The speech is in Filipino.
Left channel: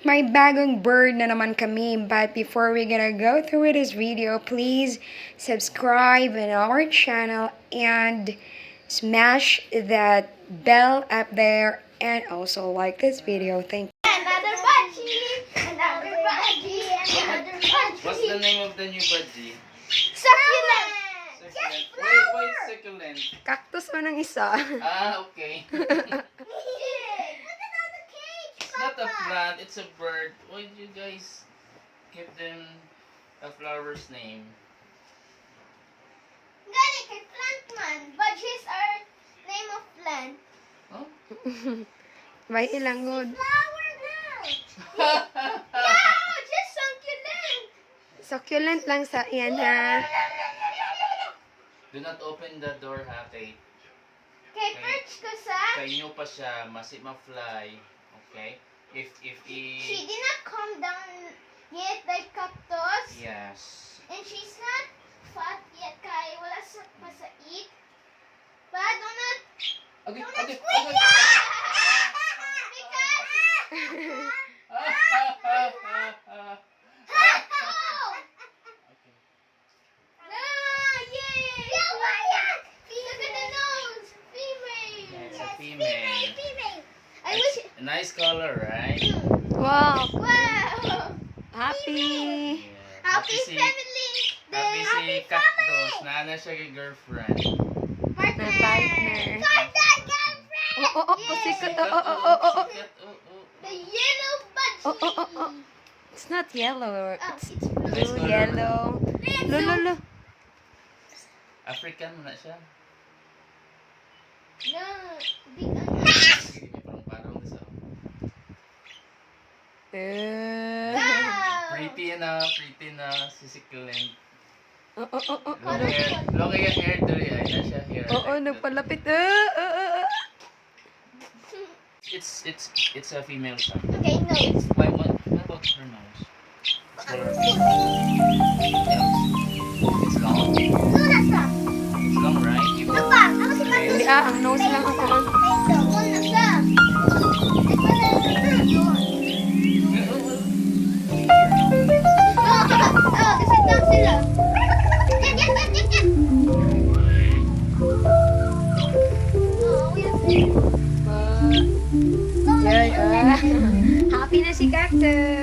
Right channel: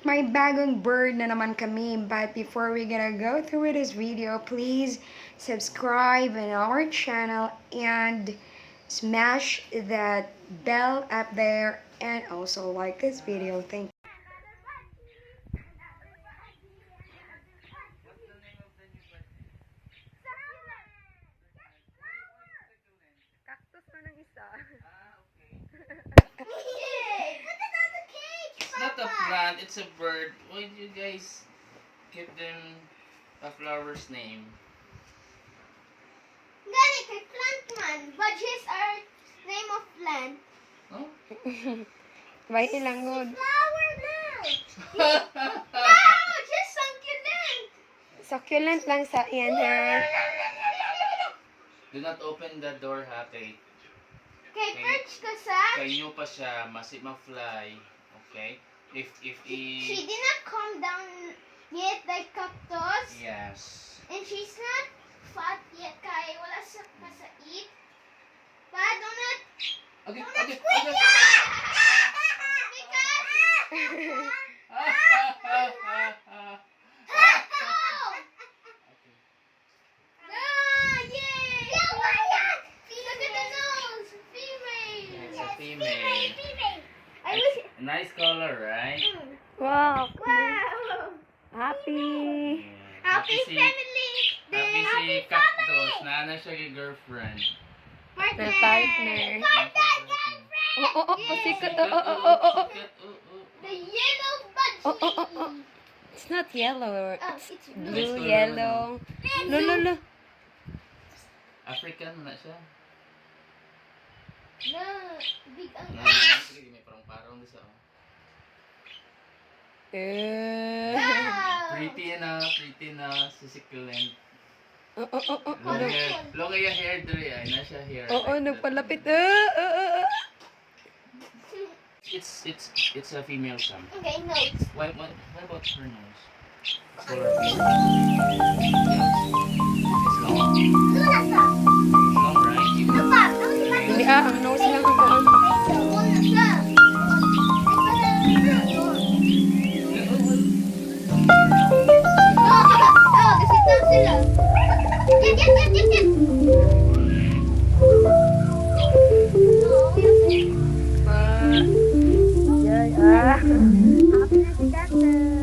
May bagong bird na naman kami. But before we gonna go through with this video, please subscribe in our channel and smash that bell up there and also like this video. Thank you. Another budgie, another budgie, another budgie. What's the name of the new budgie? Succulent. Succulent. Why succulent? Cactus man ang isa. Ah, okay. It's not a plant, it's a bird. Why do you guys give them a flower's name? Gani kay plant man. Budgies are name of plant. Oh? Right ilang good. Flower now. No, just succulent. Succulent lang sa yan ha. Do not open the door, ha, kay Kay perch ko sa. nyo pa siya, ma-fly. Okay? If She did not come down yet like cactus. yes. And she's not fat yet kay wala sa eat. But do not Okay, do not okay, squeeze okay. it. Because Okay. no, yay! Yeah, why not? Look at the nose, female. Yeah, it's a female. Female. I wish. A nice color, right? Wow. Wow. Happy. Yeah. Happy si, family. happy si Happy Cactus. family. Naana siya kay girlfriend. Partner. Partner. Girlfriend. Oh, Sikat, sikat. Oh. sikat, oh. The yellow budgie. Oh. It's not yellow. Oh, It's it's blue. blue, color yellow. No. African mo na siya. No, big ang Sige, may parang-parang sa. Wow. Pretty na, succulent. Oh. Long yung hair dali, ay na siya hair. Oo, nagpalapit. It's a female siya. Okay, nose. What about her nose? Color. It's long. Nasa. It's long, right? You Ano pa? Ano si Mati? Hindi ang nose lang ang kuan. One nasa. Oh, kasi lang sila. Get. Oh, Yay. Happy na si Cactus.